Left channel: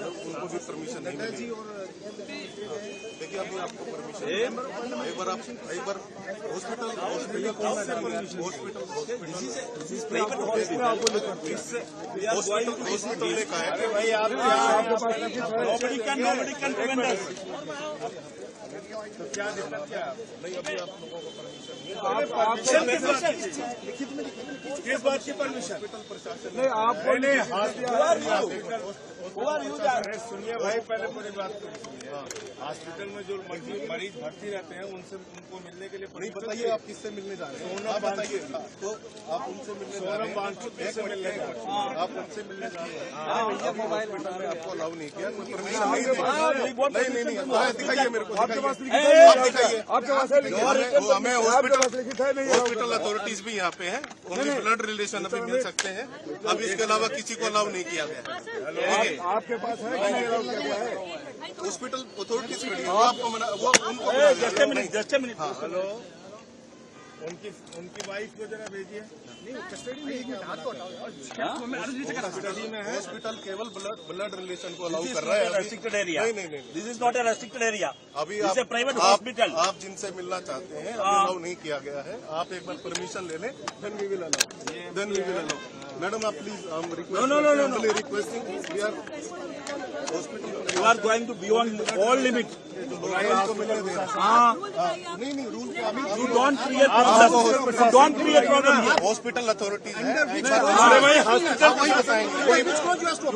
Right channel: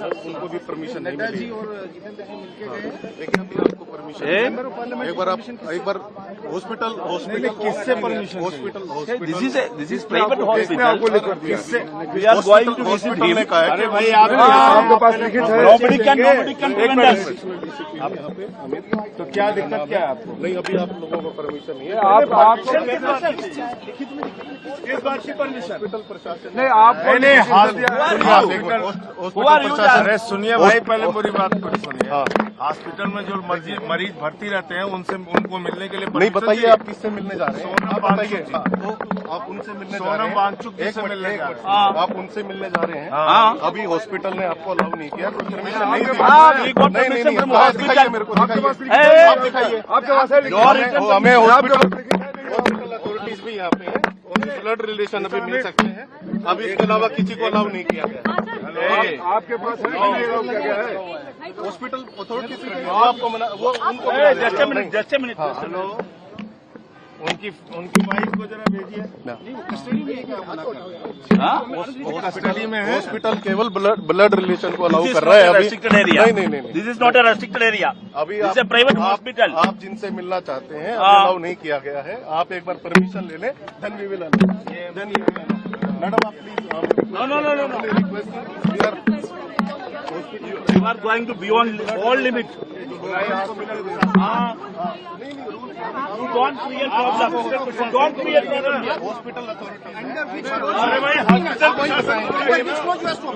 उनको भी परमिशन नहीं मिली। लेकिन अभी आपको परमिशन एक बार हॉस्पिटल किससे permission? Hospital this is private hospital. We are going to visit him. अरे भाई आपके पास लिखित है? Nobody can prevent us. तो क्या दिक्कत क्या है आपको? नहीं, अभी आप लोगों को परमिशन नहीं है। आप किस बात की परमिशन? हॉस्पिटल प्रशासन नहीं आपको नहीं प्रशासन। अरे सुनिए भाई, पहले पूरी बात को सुनिए। हॉस्पिटल में जो मरीज भर्ती रहते हैं उनको मिलने के लिए नहीं, बताइए आप किससे मिलने जा रहे हैं? आप बताइए। आप उनसे मिलने जा रहे हैं? आप उनसे मिलने जा रहे हैं? अभी हॉस्पिटल ने आपको अलाउ नहीं किया, परमिशन नहीं दी। दिखाइए मेरे को, आप दिखाइए। आपके पास है लिखित? हमें हॉस्पिटल अथॉरिटीज भी यहाँ पे है, उन्हें ब्लड रिलेशन अभी मिल सकते हैं। अब इसके अलावा किसी को अलाउ नहीं किया गया। आपके पास है कि नहीं अलाउ किया गया है? हॉस्पिटल अथॉरिटीज आपको मना, वो उनको जस्ट ए मिनट। उनकी वाइफ को जरा भेजिए। कस्टडी में है। हॉस्पिटल केवल ब्लड रिलेशन को अलाउ कर रहा है अभी। Restricted area. नहीं। This is not a restricted area. अभी this is a private hospital. आप जिनसे मिलना चाहते हैं अलाउ नहीं किया गया है। आप एक बार परमिशन ले लें, then we will allow. Madam आप please No. Requesting hospital You are going to beyond all limits. को मिलने दें। नहीं rule You don't create problem. You don't create problem here. Hospital authorities है।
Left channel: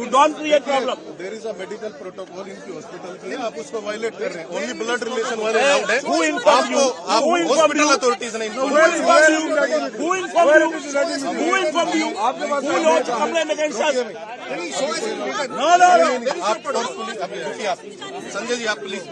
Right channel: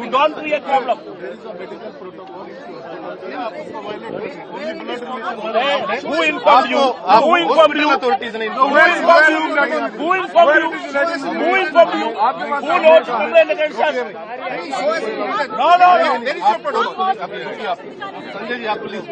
You don't create problem. There is a medical protocol इनकी hospital पे, आप उसको violate कर रहे हैं। ओनली ब्लड रिलेशन वाले अलाउड है। Who informed you? Who informed you? Authorities ने Who informed you? Who informed you? Who informed you? Who lodged complaint against us? No. रुकिए आप, संजय जी आप प्लीज।